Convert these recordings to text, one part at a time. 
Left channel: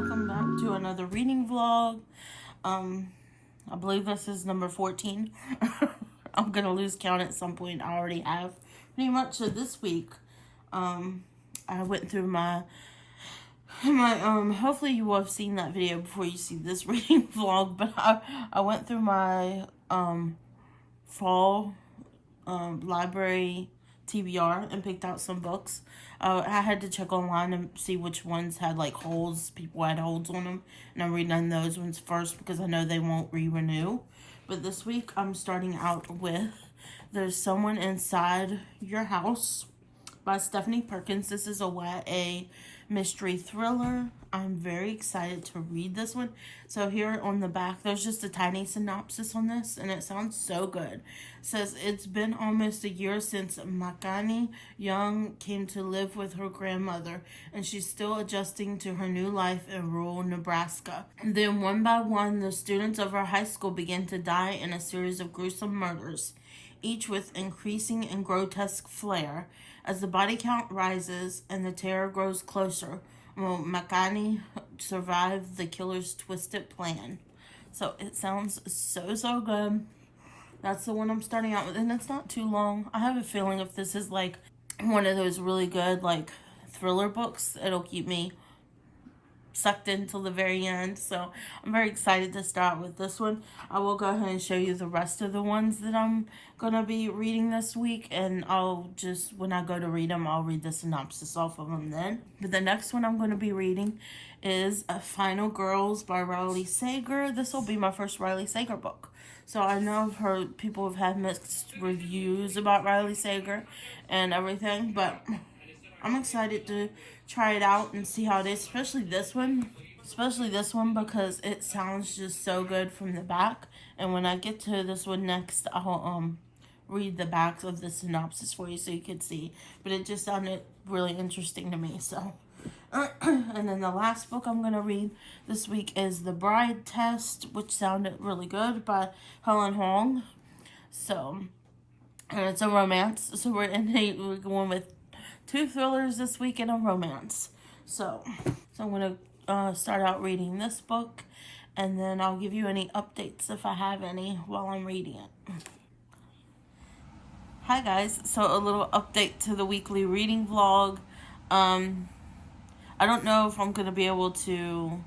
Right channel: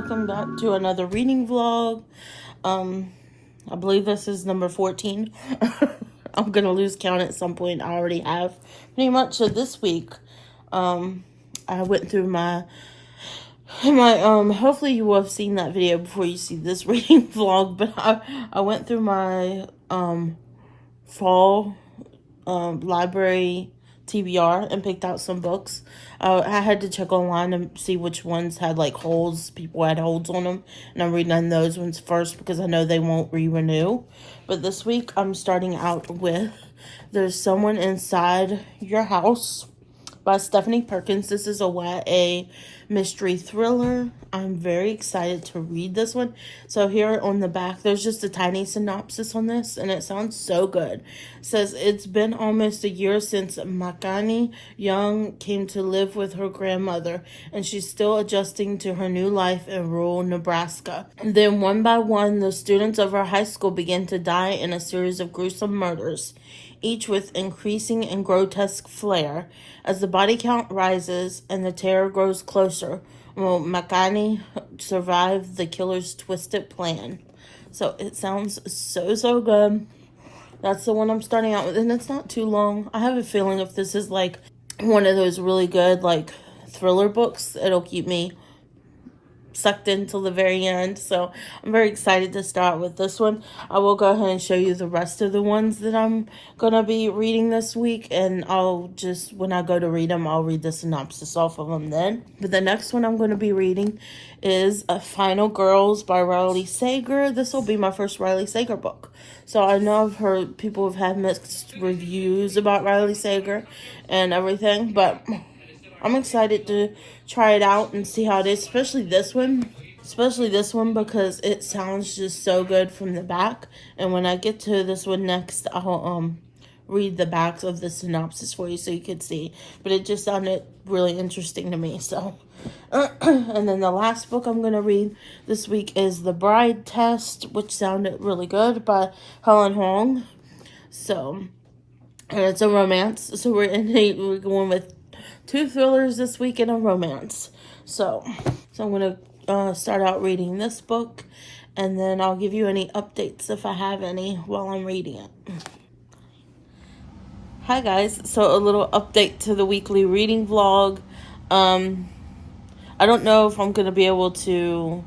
welcome back to another reading vlog. I believe this is number 14. I'm gonna lose count at some point. I already have pretty much. So this week, I went through my hopefully you will have seen that video before you see this reading vlog, but I went through my fall library TBR and picked out some books. I had to check online and see which ones had like holes. People had holes on them, and I'm reading those ones first because I know they won't re-renew. But this week I'm starting out with There's Someone Inside Your House by Stephanie Perkins. This is a YA mystery thriller. I'm very excited to read this one. So here on the back, there's just a tiny synopsis on this, and it sounds so good. It says, it's been almost a year since Makani Young came to live with her grandmother, and she's still adjusting to her new life in rural Nebraska. And then one by one, the students of her high school begin to die in a series of gruesome murders, each with increasing and grotesque flair. As the body count rises and the terror grows closer, will Makani survive the killer's twisted plan? So it sounds so good. That's the one I'm starting out with, and it's not too long. I have a feeling if this is like one of those really good like thriller books, it'll keep me sucked in till the very end. So I'm very excited to start with this one. I will go ahead and show you the rest of the ones that I'm gonna be reading this week, and I'll just, when I go to read them, I'll read the synopsis off of them then. But the next one I'm going to be reading is Final Girls by Riley Sager. This will be my first Riley Sager book. So I know I've heard people have had mixed reviews about Riley Sager and everything, but I'm excited to try it out and see how it is, especially this one because it sounds just so good from the back. And when I get to this one next, I'll read the backs of the synopsis for you so you could see, but it just sounded really interesting to me. So and then the last book I'm going to read this week is The Bride Test, which sounded really good, by Helen Hong. So, and it's a romance, so we're going with 2 thrillers this week and a romance. So I'm going to start out reading this book, and then I'll give you any updates if I have any while I'm reading it. Hi guys, so a little update to the weekly reading vlog. I don't know if I'm going to be able to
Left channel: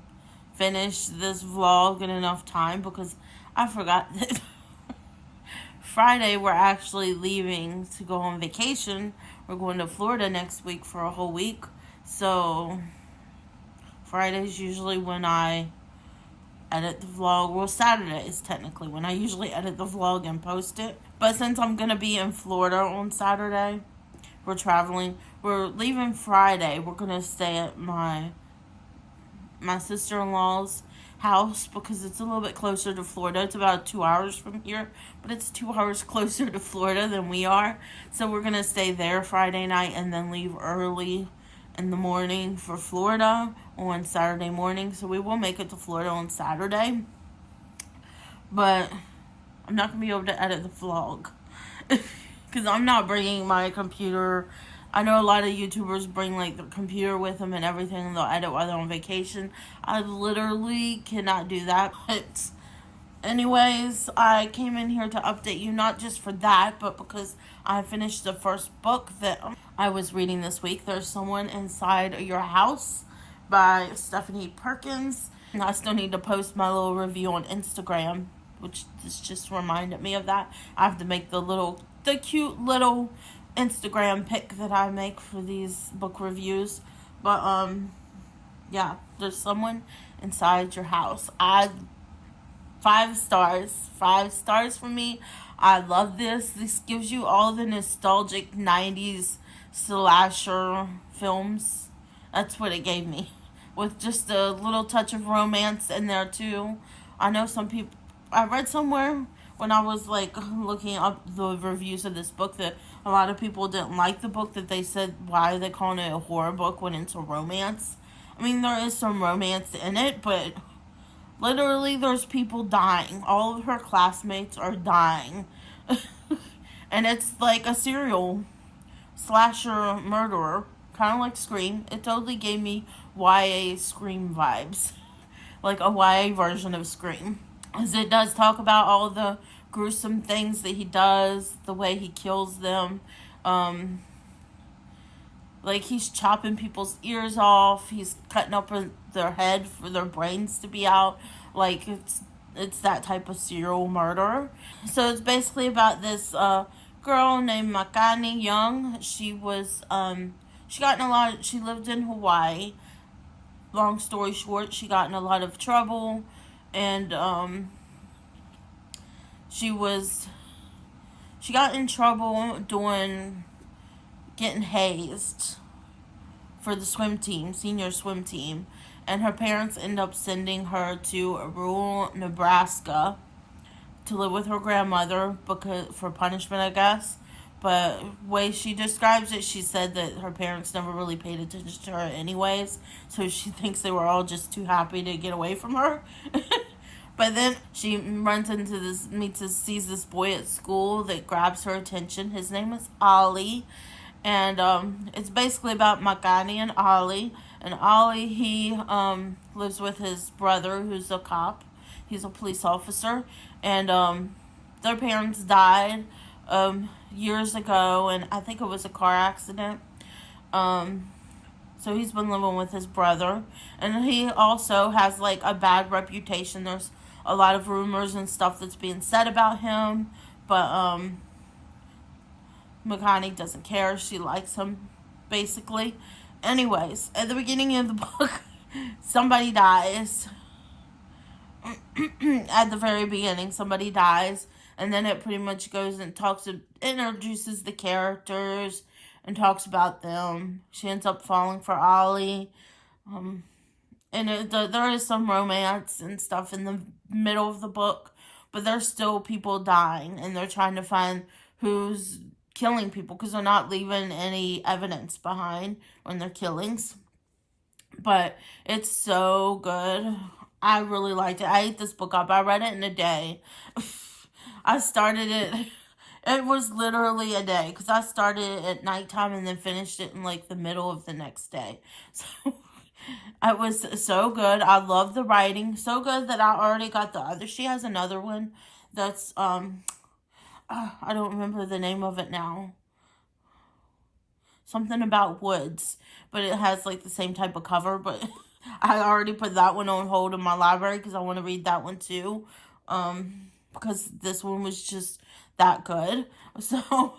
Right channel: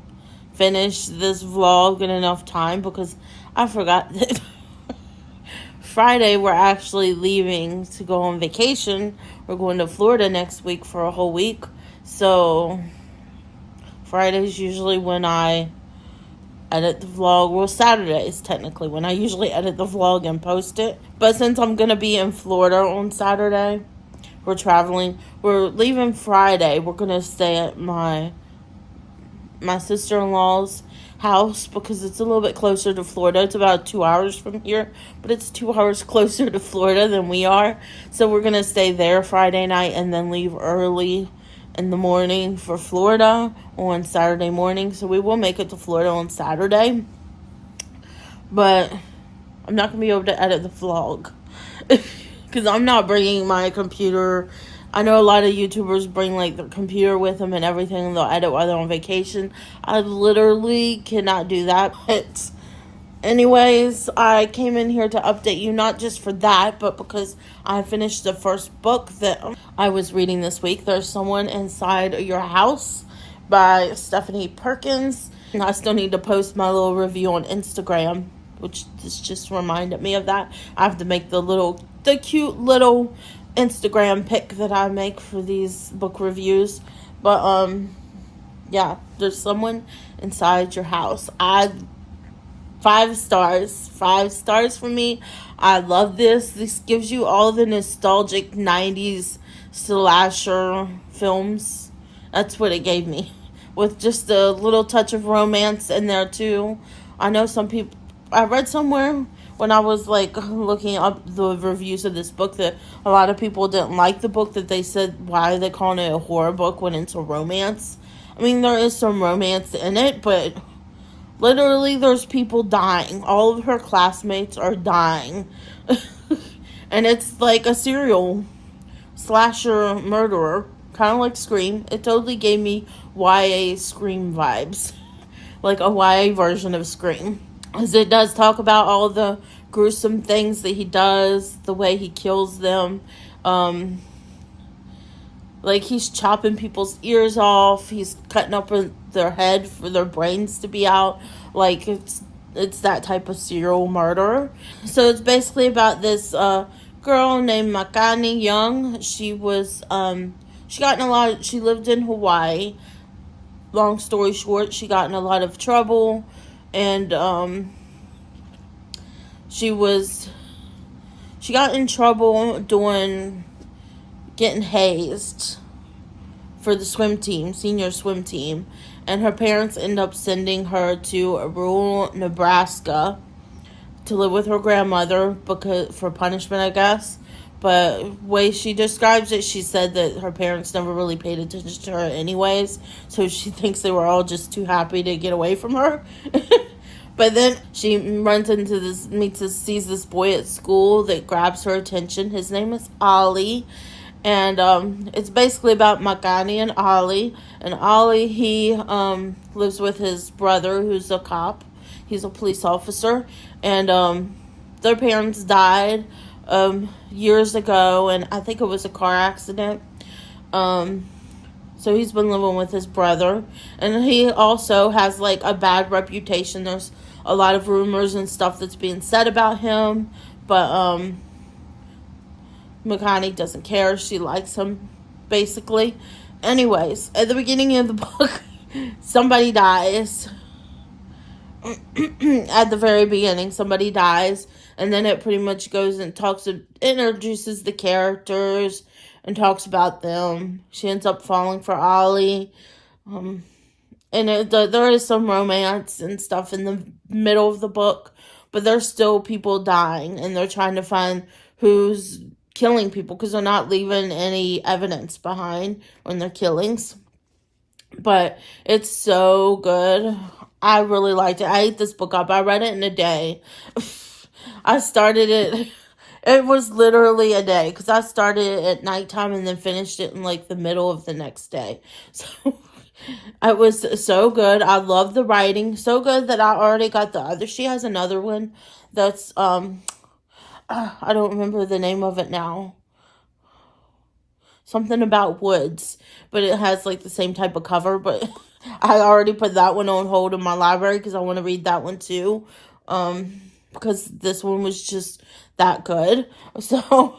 finish this vlog in enough time because I forgot that Friday we're actually leaving to go on vacation. We're going to Florida next week for a whole week. So Friday's usually when I edit the vlog. Well, Saturdays technically when I usually edit the vlog and post it. But since I'm going to be in Florida on Saturday, we're leaving Friday. We're going to stay at my sister-in-law's house because it's a little bit closer to Florida. It's about 2 hours from here, but it's 2 hours closer to Florida than we are. So we're going to stay there Friday night and then leave early in the morning for Florida on Saturday morning. So we will make it to Florida on Saturday, but I'm not going to be able to edit the vlog because I'm not bringing my computer. I know a lot of YouTubers bring like their computer with them and everything, and they'll edit while they're on vacation. I literally cannot do that. But anyways, I came in here to update you, not just for that, but because I finished the first book that I was reading this week. There's Someone Inside Your House by Stephanie Perkins. And I still need to post my little review on Instagram, which this just reminded me of that. I have to make the cute little Instagram pic that I make for these book reviews. But yeah, There's Someone Inside Your House. 5 stars for me. I love this. This gives you all the nostalgic 90s slasher films. That's what it gave me, with just a little touch of romance in there too. I know some people, I read somewhere when I was like looking up the reviews of this book that a lot of people didn't like the book, that they said, why are they calling it a horror book when it's a romance? I mean, there is some romance in it, but literally there's people dying. All of her classmates are dying. And it's like a serial slasher murderer kind of like Scream. It totally gave me YA Scream vibes, like a YA version of Scream. As it does talk about all the gruesome things that he does, the way he kills them. Um, like he's chopping people's ears off, he's cutting up their head for their brains to be out. Like it's that type of serial murderer. So it's basically about this girl named Makani Young. She got in a lot. She lived in Hawaii. Long story short, she got in a lot of trouble, and she got in trouble getting hazed for the swim team, senior swim team, and her parents end up sending her to rural Nebraska to live with her grandmother for punishment, I guess. But way she describes it, she said that her parents never really paid attention to her anyways, so she thinks they were all just too happy to get away from her. But then she sees this boy at school that grabs her attention. His name is Ollie, and it's basically about Makani and Ollie. And Ollie, he lives with his brother, who's a cop. He's a police officer, and their parents died years ago, and I think it was a car accident. So he's been living with his brother, and he also has like a bad reputation. There's a lot of rumors and stuff that's being said about him, but Makani doesn't care. She likes him, basically. Anyways, at the beginning of the book, somebody dies. At the very beginning, somebody dies, and then it pretty much goes and introduces the characters and talks about them. She ends up falling for Ollie, and there is some romance and stuff in the middle of the book, but there's still people dying, and they're trying to find who's killing people because they're not leaving any evidence behind on their killings. But it's so good. I really liked it. I ate this book up. I read it in a day. I started it. It was literally a day because I started it at nighttime and then finished it in like the middle of the next day. So it was so good. I love the writing. So good that I already got the other. She has another one that's I don't remember the name of it now. Something about woods, but it has like the same type of cover, but I already put that one on hold in my library because I want to read that one too, because this one was just that good. So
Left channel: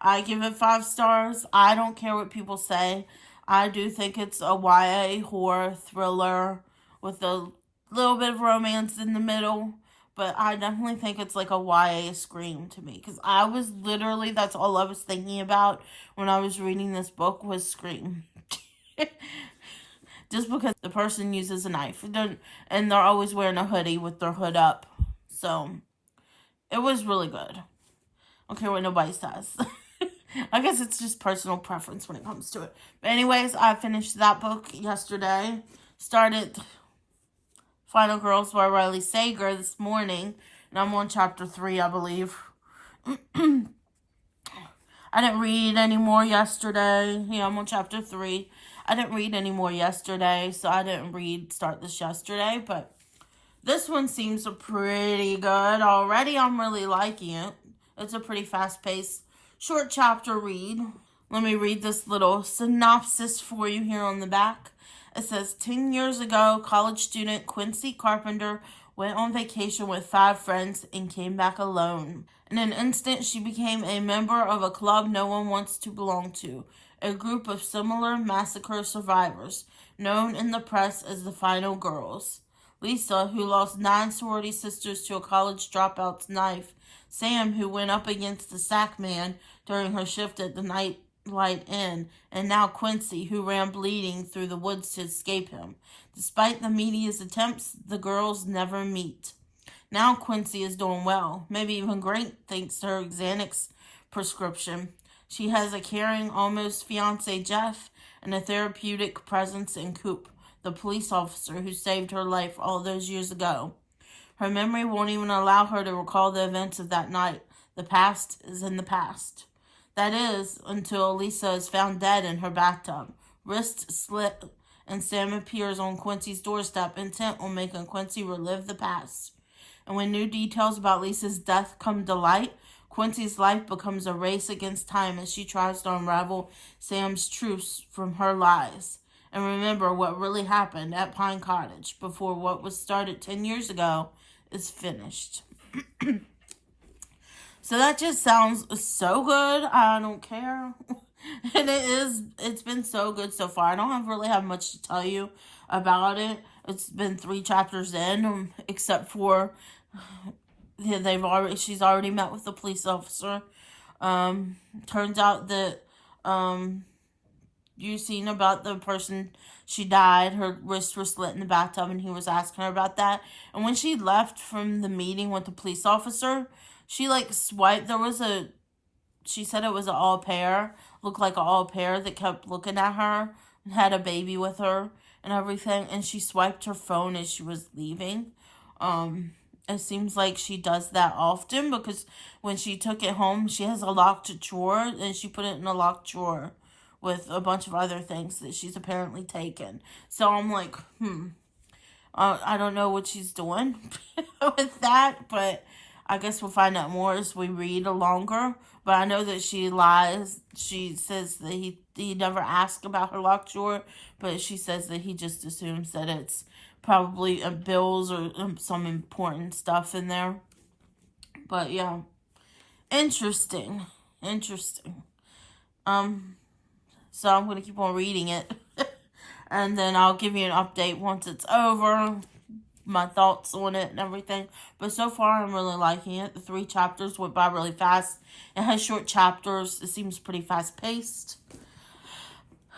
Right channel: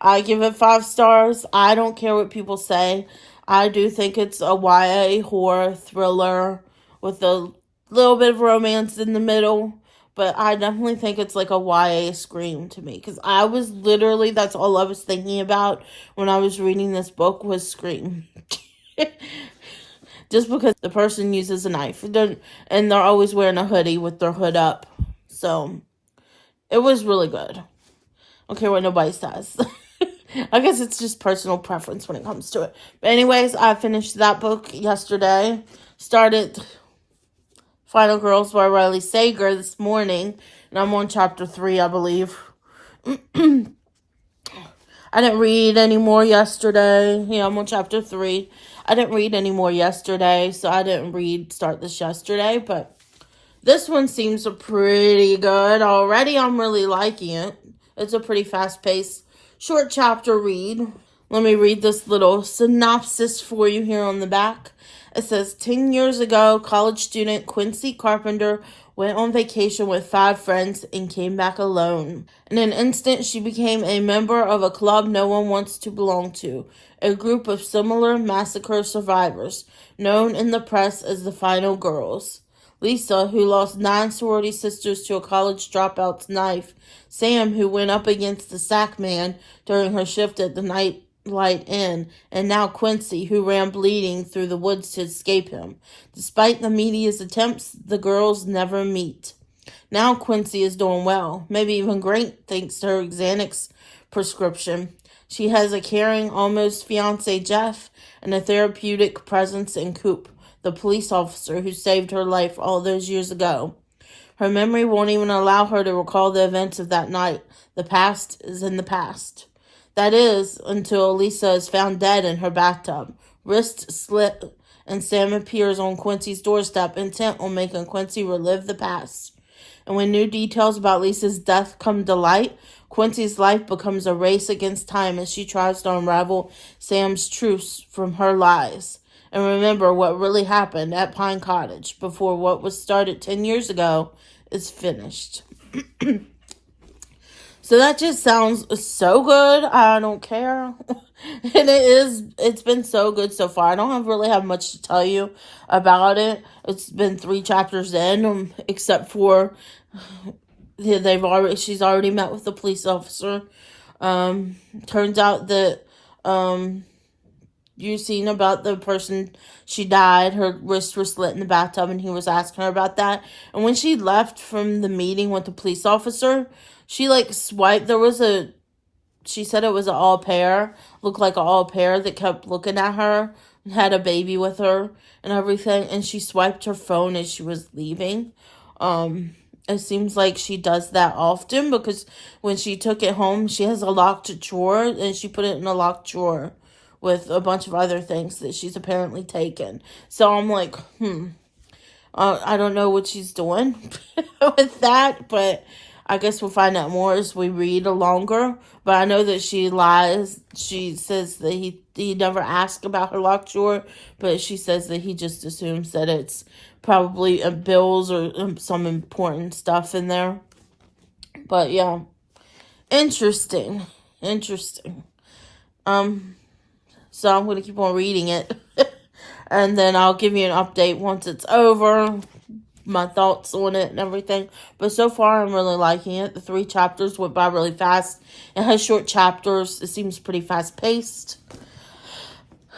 I give it 5 stars. I don't care what people say. I do think it's a YA horror thriller with a little bit of romance in the middle, but I definitely think it's like a YA Scream to me, because I was literally, that's all I was thinking about when I was reading this book was Scream. Just because the person uses a knife, and they're always wearing a hoodie with their hood up. So it was really good. I don't care what nobody says. I guess it's just personal preference when it comes to it. But anyways, I finished that book yesterday. Started Final Girls by Riley Sager this morning, and I'm on chapter 3, I believe. I didn't read any more yesterday. Yeah, I'm on chapter 3. I didn't read any more yesterday, so I didn't start this yesterday, but this one seems pretty good already. I'm really liking it. It's a pretty fast-paced, short chapter read. Let me read this little synopsis for you here on the back. It says, 10 years ago, college student Quincy Carpenter went on vacation with 5 friends and came back alone. In an instant, she became a member of a club no one wants to belong to, a group of similar massacre survivors, known in the press as the Final Girls. Lisa, who lost 9 sorority sisters to a college dropout's knife, Sam, who went up against the sack man during her shift at the Nightlight Inn, and now Quincy, who ran bleeding through the woods to escape him. Despite the media's attempts, the girls never meet. Now Quincy is doing well, maybe even great thanks to her Xanax prescription. She has a caring, almost fiancé Jeff, and a therapeutic presence in Coop, the police officer who saved her life all those years ago. Her memory won't even allow her to recall the events of that night. The past is in the past. That is, until Lisa is found dead in her bathtub. Wrist slit, and Sam appears on Quincy's doorstep, intent on making Quincy relive the past. And when new details about Lisa's death come to light, Quincy's life becomes a race against time as she tries to unravel Sam's truths from her lies. And remember what really happened at Pine Cottage before what was started 10 years ago is finished. So that just sounds so good. I don't care. And it's been so good so far. I don't really have much to tell you about it. It's been 3 chapters in, except for she's already met with the police officer. Turns out that you've seen about the person, she died, her wrists were slit in the bathtub, and he was asking her about that. And when she left from the meeting with the police officer, she swiped, she said it was an au pair, looked like an au pair that kept looking at her and had a baby with her and everything, and she swiped her phone as she was leaving. It seems like she does that often, because when she took it home, she has a locked drawer, and she put it in a locked drawer with a bunch of other things that she's apparently taken. So I'm like, I don't know what she's doing with that, but I guess we'll find out more as we read longer. But I know that she lies. She says that he never asked about her locked drawer, but she says that he just assumes that it's probably bills or some important stuff in there. But yeah, interesting. So I'm going to keep on reading it. And then I'll give you an update once it's over, my thoughts on it and everything. But so far, I'm really liking it. The 3 chapters went by really fast. It has short chapters. It seems pretty fast-paced.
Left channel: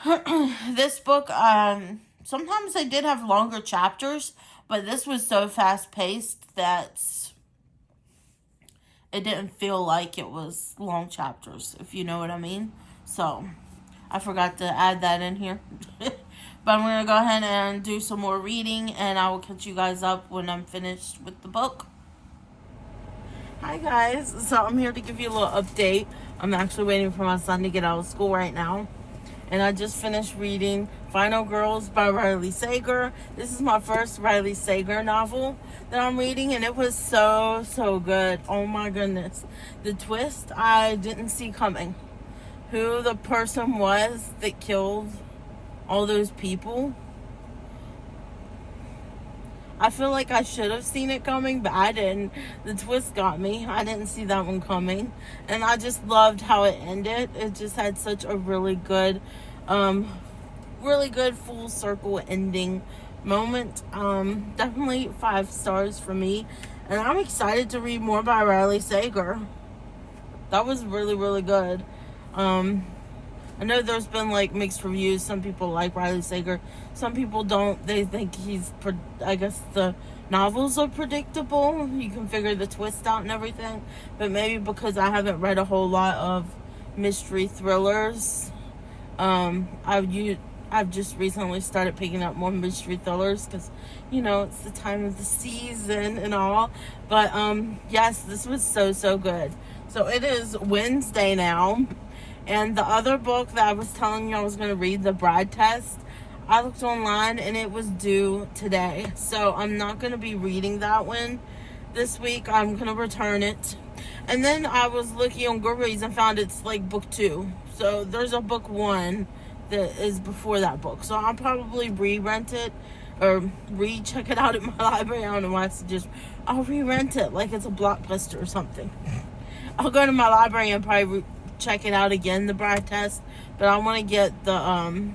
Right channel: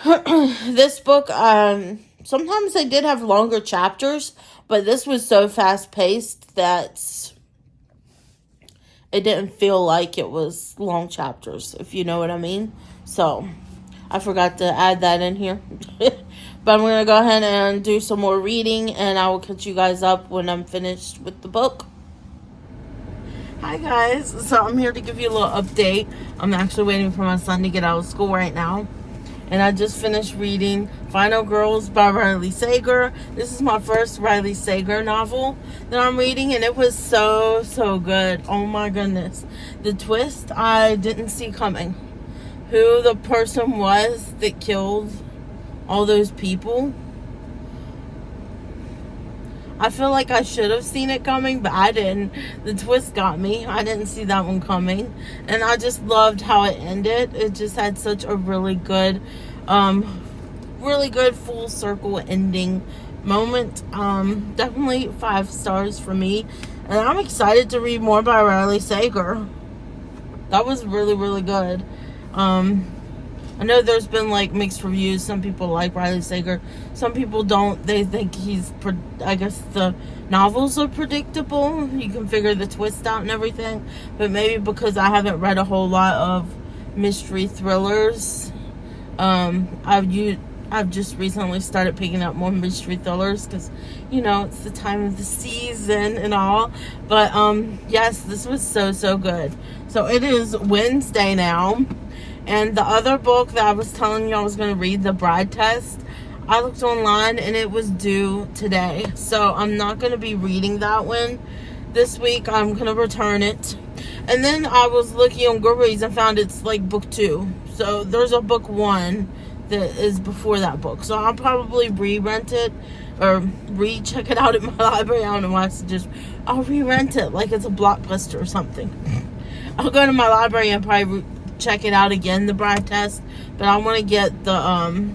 This book, sometimes they did have longer chapters, but this was so fast-paced that it didn't feel like it was long chapters, if you know what I mean. So I forgot to add that in here. But I'm going to go ahead and do some more reading, and I will catch you guys up when I'm finished with the book. Hi guys, so I'm here to give you a little update. I'm actually waiting for my son to get out of school right now. And I just finished reading Final Girls by Riley Sager. This is my first Riley Sager novel that I'm reading, and it was so good. Oh my goodness. The twist I didn't see coming. Who the person was that killed all those people. I feel like I should have seen it coming, but I didn't. The twist got me. I didn't see that one coming. And I just loved how it ended. It just had such a really good full circle ending moment. Definitely 5 stars for me. And I'm excited to read more by Riley Sager. That was really good. I know there's been mixed reviews. Some people like Riley Sager, some people don't. They think I guess the novels are predictable. You can figure the twist out and everything. But maybe because I haven't read a whole lot of mystery thrillers, I've just recently started picking up more mystery thrillers because, it's the time of the season and all. But yes, this was so good. So it is Wednesday now. And the other book that I was telling you I was going to read, The Bride Test, I looked online and it was due today. So I'm not going to be reading that one this week. I'm going to return it. And then I was looking on Goodreads and found it's book 2. So there's a book 1 that is before that book. So I'll probably re-rent it or re-check it out at my library. I don't know why I'll re-rent it like it's a Blockbuster or something. I'll go to my library and probably check it out again, The Bride Test, but I want to get the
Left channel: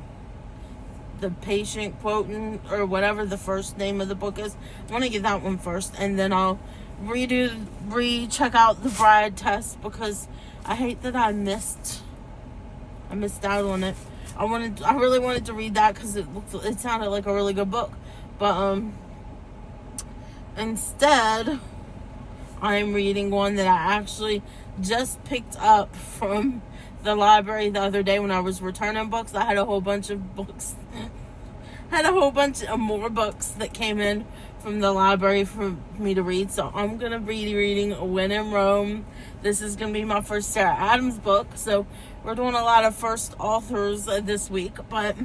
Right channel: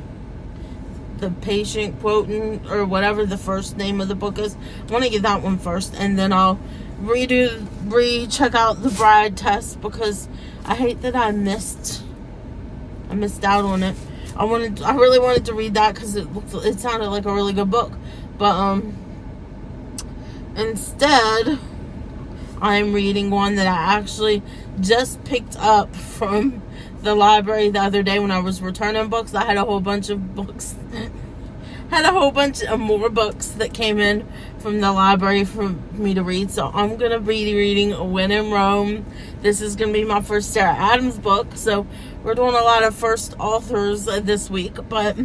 patient quoting or whatever the first name of the book is. I want to get that one first, and then I'll check out The Bride Test, because I hate that I missed out on it. I really wanted to read that because it sounded like a really good book, but instead I'm reading one that I actually just picked up from the library the other day when I was returning books. I had a whole bunch of books. Had a whole bunch of more books that came in from the library for me to read. So I'm going to be reading When in Rome. This is going to be my first Sarah Adams book. So we're doing a lot of first authors this week. But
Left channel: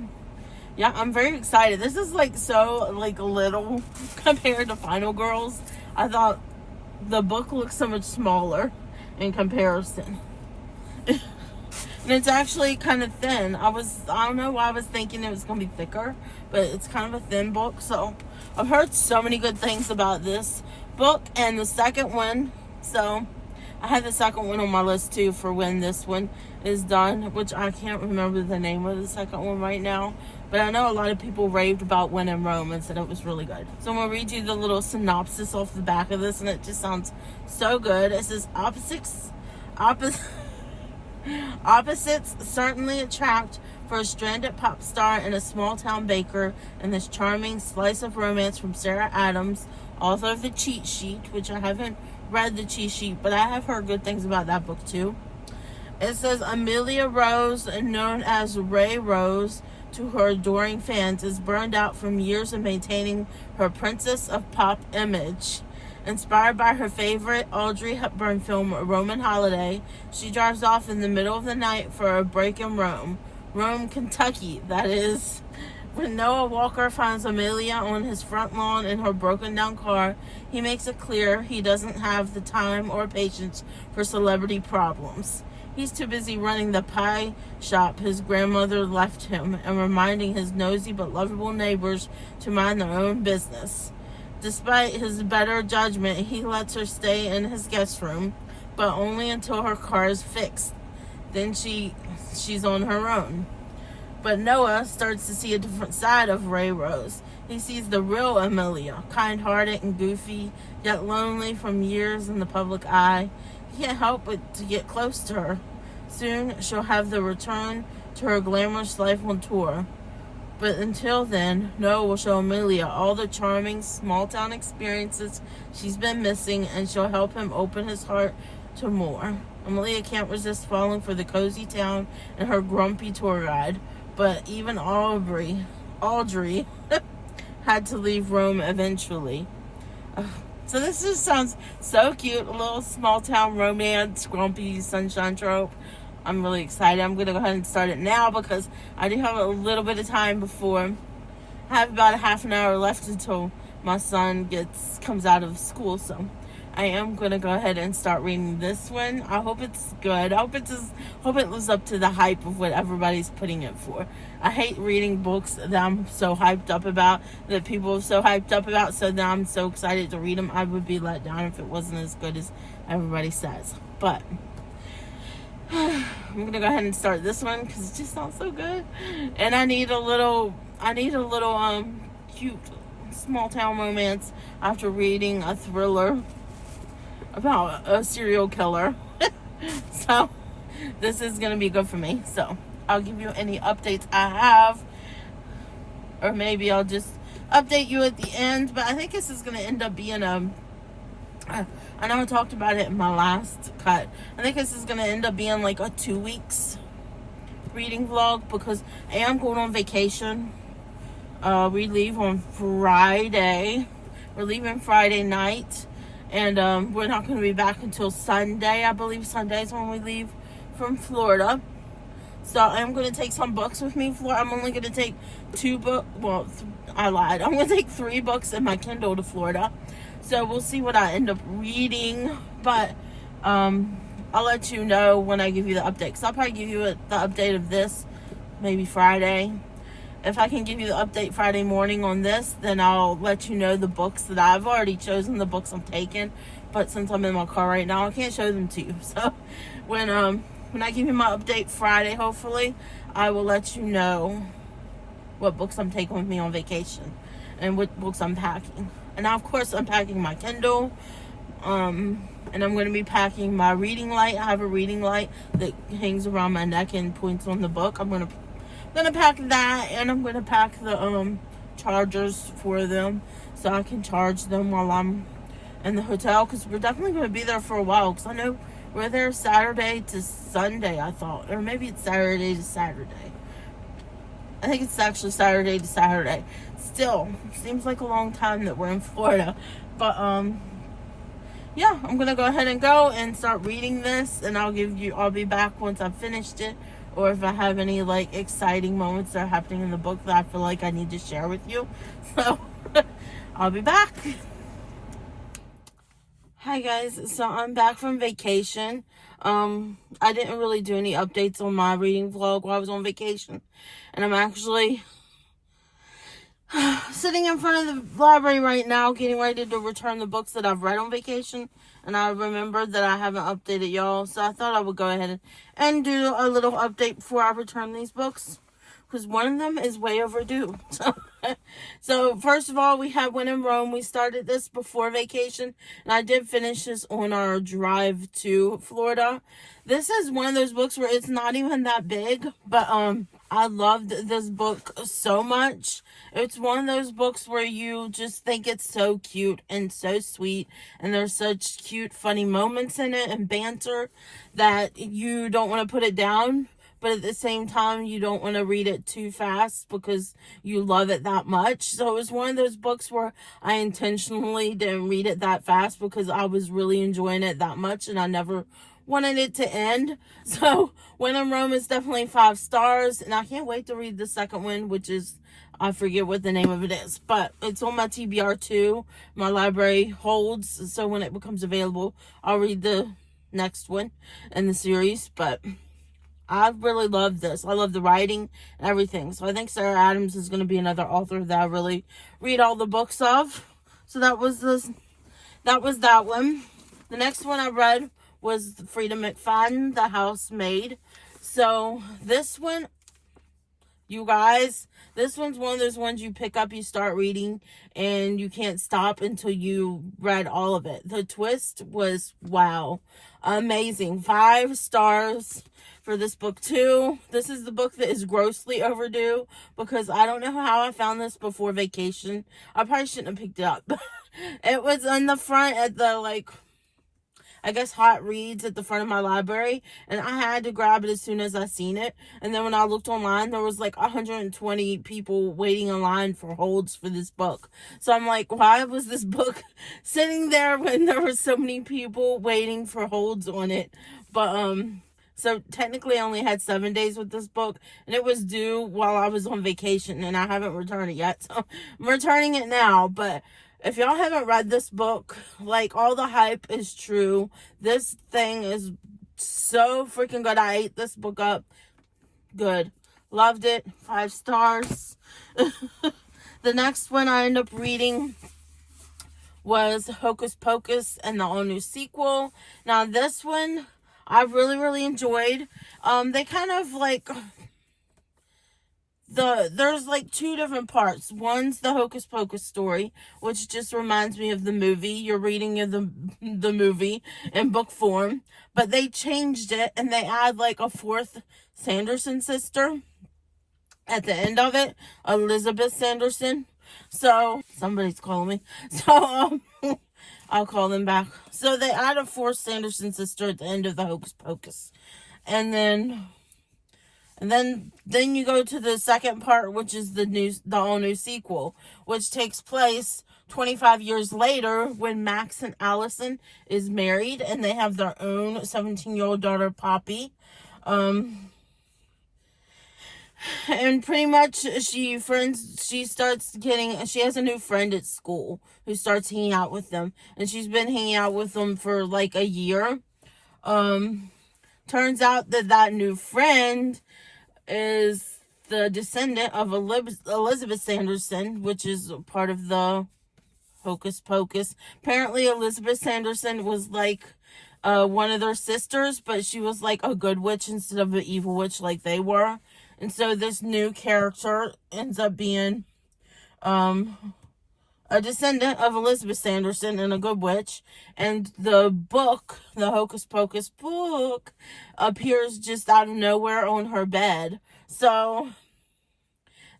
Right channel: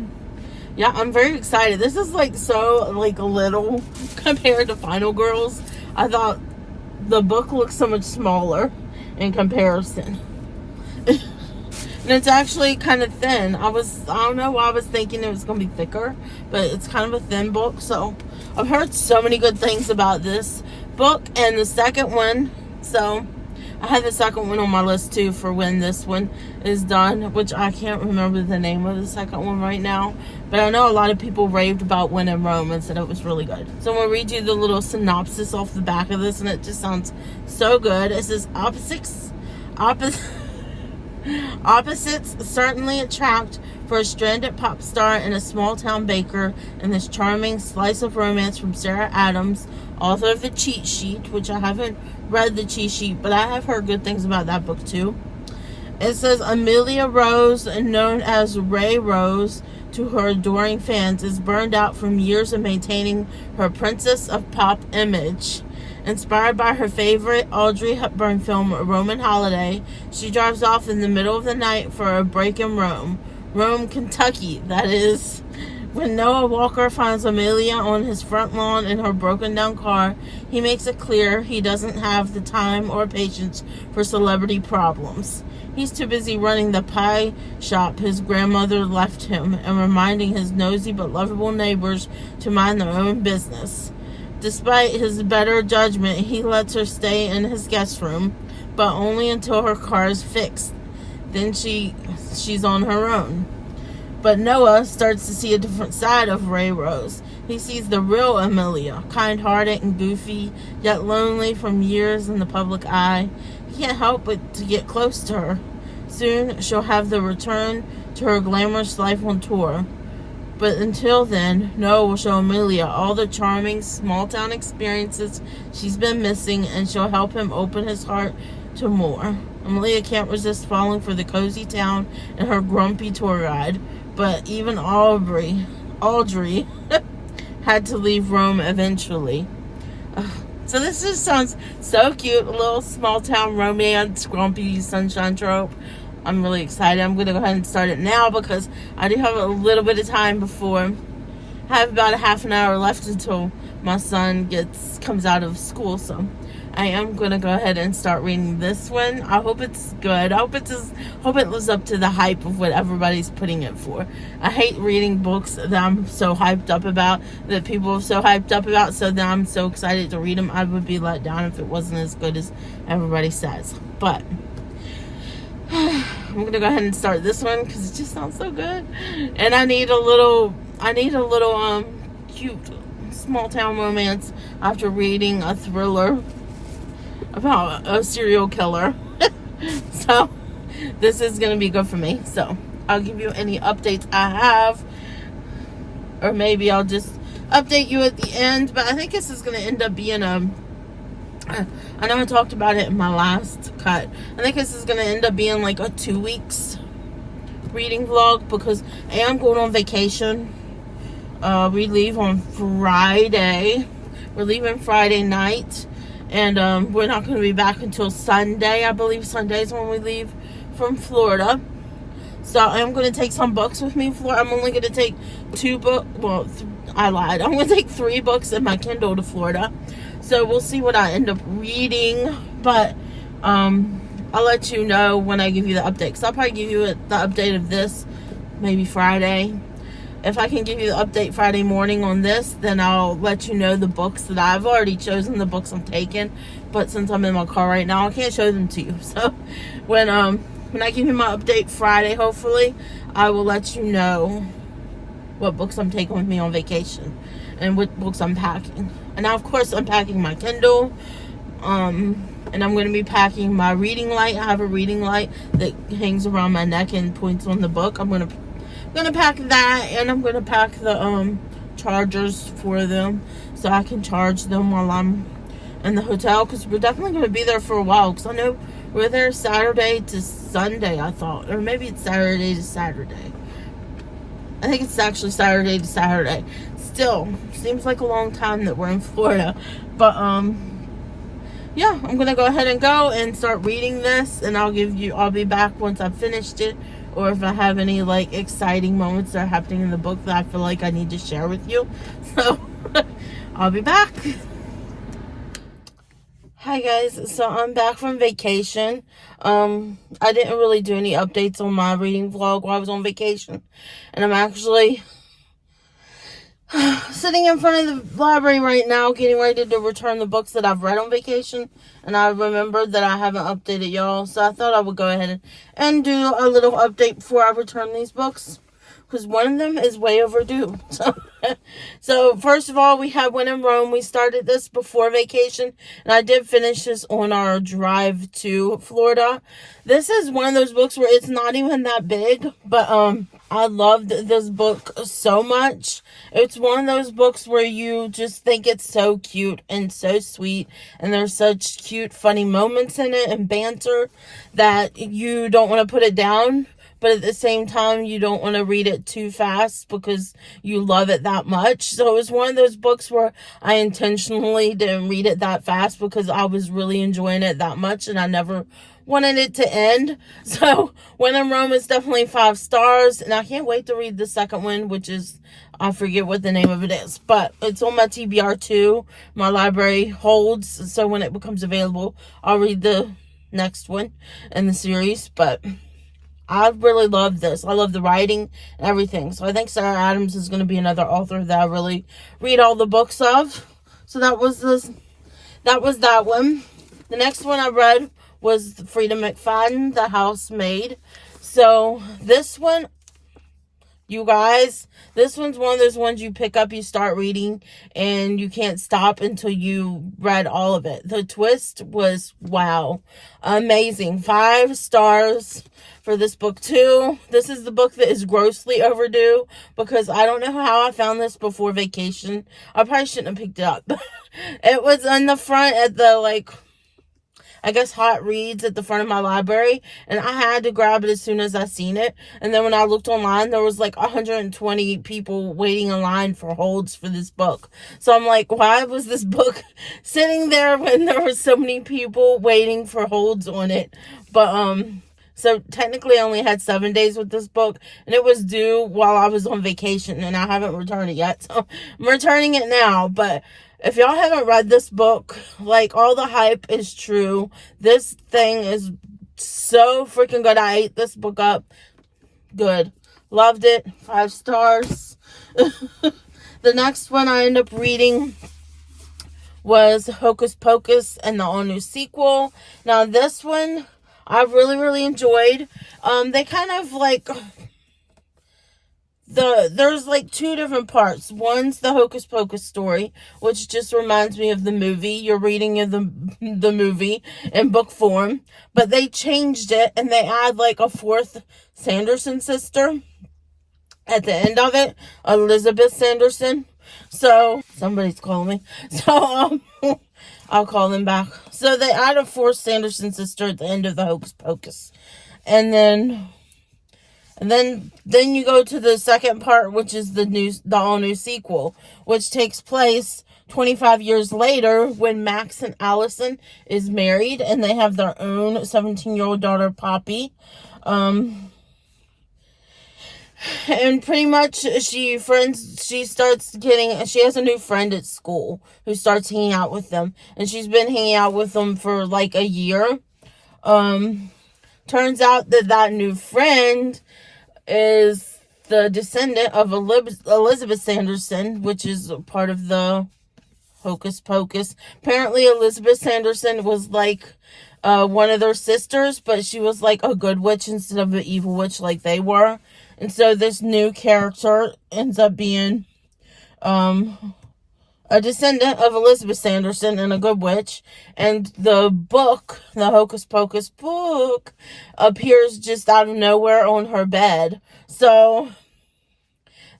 yeah, I'm very excited. This is like so like a little compared to Final Girls. I thought the book looks so much smaller in comparison. And it's actually kind of thin. I don't know why I was thinking it was going to be thicker, but it's kind of a thin book. So I've heard so many good things about this book and the second one. So I had the second one on my list too for when this one is done, which I can't remember the name of the second one right now. But I know a lot of people raved about When in Rome and said it was really good. So I'm going to read you the little synopsis off the back of this, and it just sounds so good. It says, Opposites certainly attract for a stranded pop star and a small-town baker in this charming slice of romance from Sarah Adams, author of The Cheat Sheet, which I haven't read The Cheat Sheet, but I have heard good things about that book too. It says, Amelia Rose, known as Ray Rose to her adoring fans, is burned out from years of maintaining her Princess of Pop image. Inspired by her favorite Audrey Hepburn film, Roman Holiday, she drives off in the middle of the night for a break in Rome, Kentucky, that is. When Noah Walker finds Amelia on his front lawn in her broken down car, he makes it clear he doesn't have the time or patience for celebrity problems. He's too busy running the pie shop his grandmother left him and reminding his nosy but lovable neighbors to mind their own business. Despite his better judgment, he lets her stay in his guest room, but only until her car is fixed. Then she's on her own. But Noah starts to see a different side of Ray Rose. He sees the real Amelia, kind-hearted and goofy, yet lonely from years in the public eye. He can't help but to get close to her. Soon she'll have the return to her glamorous life on tour. But until then, Noah will show Amelia all the charming small-town experiences she's been missing, and she'll help him open his heart to more. Amelia can't resist falling for the cozy town and her grumpy tour guide, but even Audrey had to leave Rome eventually. So this just sounds so cute, a little small-town romance, grumpy sunshine trope. I'm really excited. I'm going to go ahead and start it now because I do have a little bit of time before. I have about a half an hour left until my son comes out of school. So I am going to go ahead and start reading this one. I hope it's good. I hope it lives up to the hype of what everybody's putting it for. I hate reading books that I'm so hyped up about, that people are so hyped up about, so that I'm so excited to read them. I would be let down if it wasn't as good as everybody says. But I'm gonna go ahead and start this one because it just sounds so good, and I need a little cute small town romance after reading a thriller about a serial killer. So this is gonna be good for me. So I'll give you any updates I have, or maybe I'll just update you at the end. But I think this is gonna end up being I know I talked about it in my last cut. I think this is going to end up being like a 2 weeks reading vlog because I am going on vacation. We leave on Friday. We're leaving Friday night. And we're not going to be back until Sunday. I believe Sunday is when we leave from Florida. So I'm going to take some books with me. I'm only going to take 2 books. Well, I lied. I'm going to take 3 books in my Kindle to Florida. So we'll see what I end up reading, but I'll let you know when I give you the update. Because I'll probably give you the update of this maybe Friday. If I can give you the update Friday morning on this, then I'll let you know the books that I've already chosen, the books I'm taking. But since I'm in my car right now, I can't show them to you. So when I give you my update Friday, hopefully, I will let you know what books I'm taking with me on vacation and what books I'm packing. And now, of course, I'm packing my Kindle, and I'm going to be packing my reading light. I have a reading light that hangs around my neck and points on the book. I'm going to pack that, and I'm going to pack the chargers for them so I can charge them while I'm in the hotel, because we're definitely going to be there for a while, because I know we're there Saturday to Sunday, I thought, or maybe it's Saturday to Saturday. I think it's actually Saturday to Saturday. Still, seems like a long time that we're in Florida. But, yeah, I'm going to go ahead and go and start reading this. And I'll be back once I've finished it. Or if I have any, like, exciting moments that are happening in the book that I feel like I need to share with you. So, I'll be back. Hi guys, so I'm back from vacation. I didn't really do any updates on my reading vlog while I was on vacation. And I'm actually sitting in front of the library right now, getting ready to return the books that I've read on vacation. And I remembered that I haven't updated y'all, so I thought I would go ahead and do a little update before I return these books. Because one of them is way overdue. So first of all, we have When in Rome. We started this before vacation, and I did finish this on our drive to Florida. This is one of those books where it's not even that big, but I loved this book so much. It's one of those books where you just think it's so cute and so sweet, and there's such cute, funny moments in it and banter that you don't want to put it down. But at the same time, you don't want to read it too fast because you love it that much. So it was one of those books where I intentionally didn't read it that fast because I was really enjoying it that much and I never wanted it to end. So When in Rome is definitely 5 stars, and I can't wait to read the second one, which is, I forget what the name of it is, but it's on my TBR too. My library holds, so when it becomes available, I'll read the next one in the series. But I really love this. I love the writing and everything. So I think Sarah Adams is going to be another author that I really read all the books of. So that was that one. The next one I read was Frida McFadden, The Housemaid. So this one, you guys, this one's one of those ones you pick up, you start reading, and you can't stop until you read all of it. The twist was, wow, amazing. 5 stars for this book too. This is the book that is grossly overdue because I don't know how I found this before vacation. I probably shouldn't have picked it up. It was on the front at the, like, I guess Hot Reads at the front of my library, and I had to grab it as soon as I seen it. And then when I looked online, there was like 120 people waiting in line for holds for this book. So I'm like, why was this book sitting there when there were so many people waiting for holds on it? But so technically I only had 7 days with this book, and it was due while I was on vacation, and I haven't returned it yet. So I'm returning it now. But if y'all haven't read this book, like, all the hype is true. This thing is so freaking good. I ate this book up. Good. Loved it. 5 stars. The next one I ended up reading was Hocus Pocus and the all-new sequel. Now, this one I really, really enjoyed. They kind of, like, there's like 2 different parts. One's the Hocus Pocus story, which just reminds me of the movie. You're reading the movie in book form, but they changed it and they add like a 4th Sanderson sister at the end of it, Elizabeth Sanderson. So somebody's calling me. So I'll call them back. So they add a 4th Sanderson sister at the end of the Hocus Pocus, and then you go to the second part, which is the all-new sequel, which takes place 25 years later when Max and Allison is married and they have their own 17-year-old daughter, Poppy. And pretty much she has a new friend at school who starts hanging out with them, and she's been hanging out with them for like a year. Turns out that new friend is the descendant of Elizabeth Sanderson, which is part of the Hocus Pocus. Apparently, Elizabeth Sanderson was like one of their sisters, but she was like a good witch instead of an evil witch like they were. And so this new character ends up being a descendant of Elizabeth Sanderson and a good witch. And the book, the Hocus Pocus book, appears just out of nowhere on her bed. So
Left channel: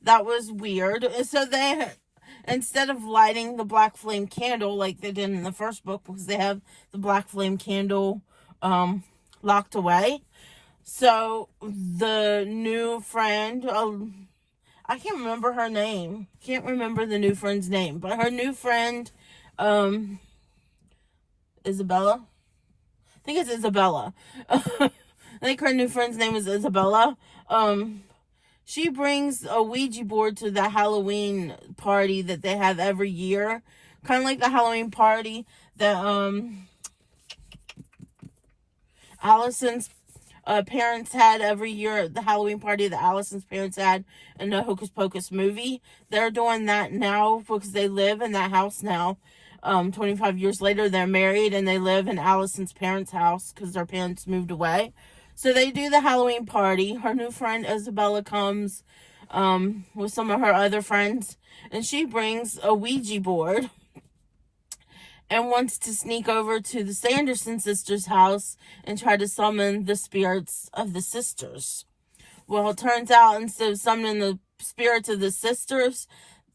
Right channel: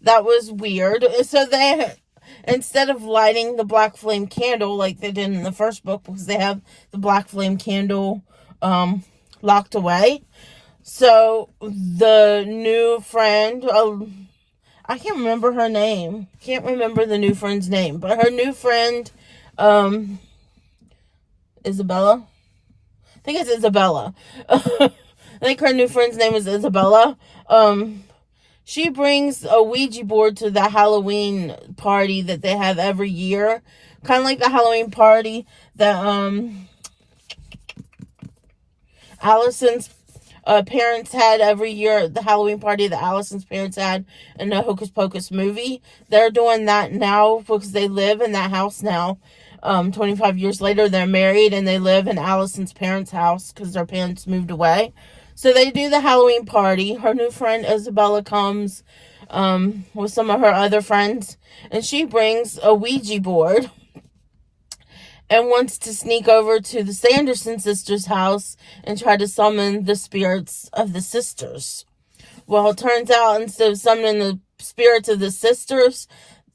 that was weird. So they, instead of lighting the black flame candle like they did in the first book, because they have the black flame candle locked away. So the new friend, I can't remember her name. Can't remember the new friend's name. But her new friend, Isabella. I think it's Isabella. I think her new friend's name is Isabella. She brings a Ouija board to the Halloween party that they have every year. Kind of like the Halloween party that, Allison's parents had every year, the Halloween party that Allison's parents had in the Hocus Pocus movie. They're doing that now because they live in that house now. 25 years later, they're married and they live in Allison's parents' house because their parents moved away. So they do the Halloween party. Her new friend Isabella comes with some of her other friends, and she brings a Ouija board and wants to sneak over to the Sanderson sisters' house and try to summon the spirits of the sisters. Well, it turns out instead of summoning the spirits of the sisters,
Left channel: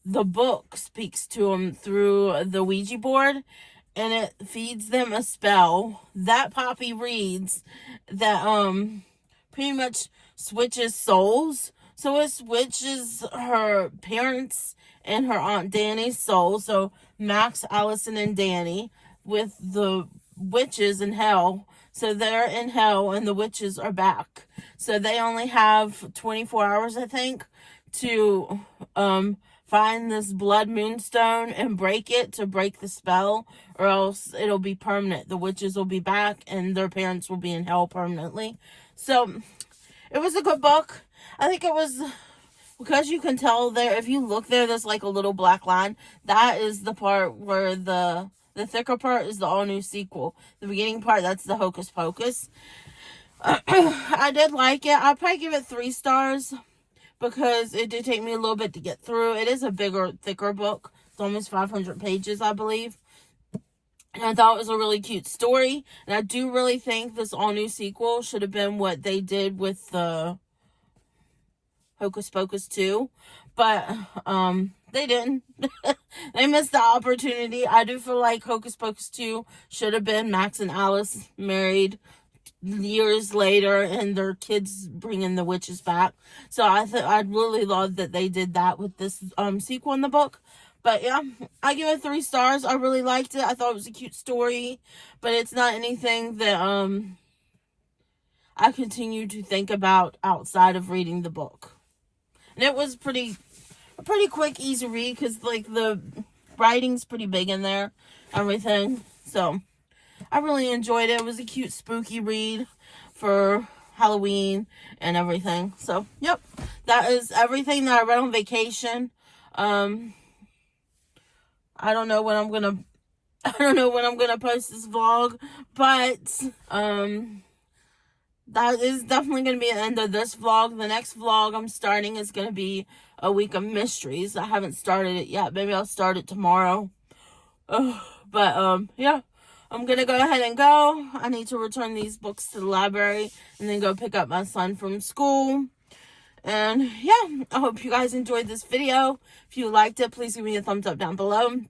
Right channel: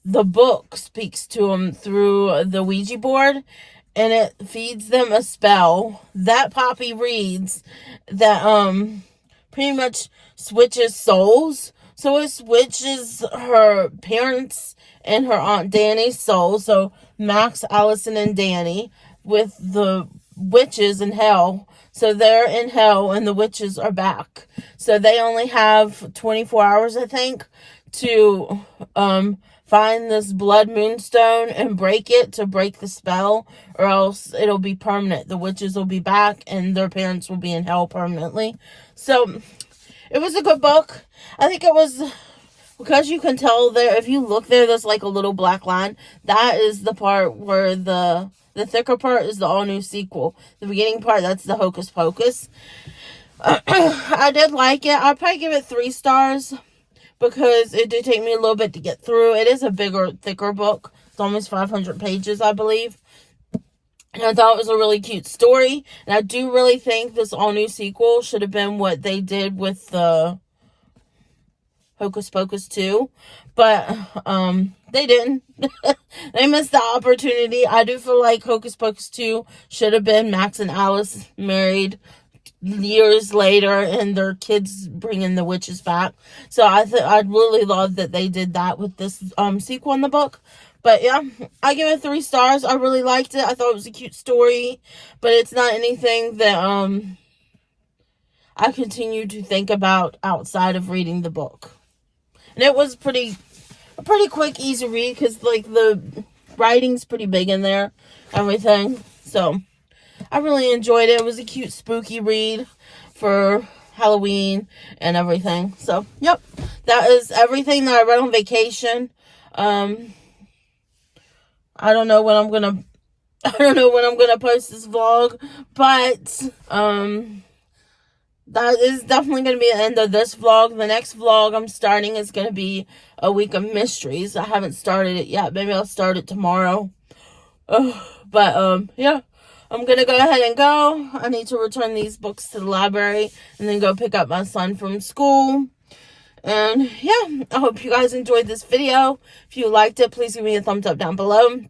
the book speaks to them through the Ouija board, and it feeds them a spell that Poppy reads that pretty much switches souls. So it switches her parents and her Aunt Danny's soul. So Max, Allison, and Danny with the witches in hell. So they're in hell and the witches are back. So they only have 24 hours, I think, to find this blood moonstone and break it to break the spell, or else it'll be permanent. The witches will be back and their parents will be in hell permanently. So it was a good book. I think it was, because you can tell there, if you look there, there's like a little black line. That is the part where the thicker part is the all new sequel. The beginning part, that's the Hocus Pocus. I did like it. I'd probably give it 3 stars because it did take me a little bit to get through. It is a bigger, thicker book. It's almost 500 pages, I believe. And I thought it was a really cute story. And I do really think this all new sequel should have been what they did with the Hocus Pocus 2. But they didn't. They missed the opportunity. I do feel like Hocus Pocus 2 should have been Max and Alice married years later and their kids bringing the witches back. So I'd really love that they did that with this sequel in the book. But yeah, I give it 3 stars. I really liked it. I thought it was a cute story, but it's not anything that I continue to think about outside of reading the book. And it was a pretty quick, easy read because like the writing's pretty big in there, everything. So I really enjoyed it. It was a cute, spooky read for Halloween and everything. So, yep, that is everything that I read on vacation. I don't know when I'm gonna post this vlog, but that is definitely gonna be the end of this vlog. The next vlog I'm starting is gonna be a week of mysteries. I haven't started it yet. Maybe I'll start it tomorrow. But yeah. I'm going to go ahead and go. I need to return these books to the library and then go pick up my son from school. And yeah, I hope you guys enjoyed this video. If you liked it, please give me a thumbs up down below. And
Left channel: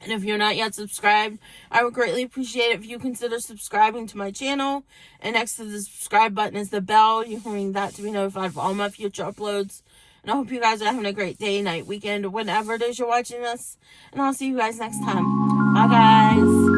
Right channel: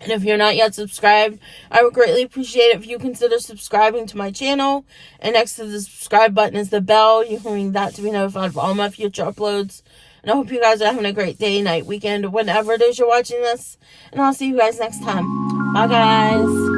if you're not yet subscribed, I would greatly appreciate it if you consider subscribing to my channel. And next to the subscribe button is the bell. You can ring that to be notified of all my future uploads. And I hope you guys are having a great day, night, weekend, or whenever it is you're watching this. And I'll see you guys next time. Bye, guys.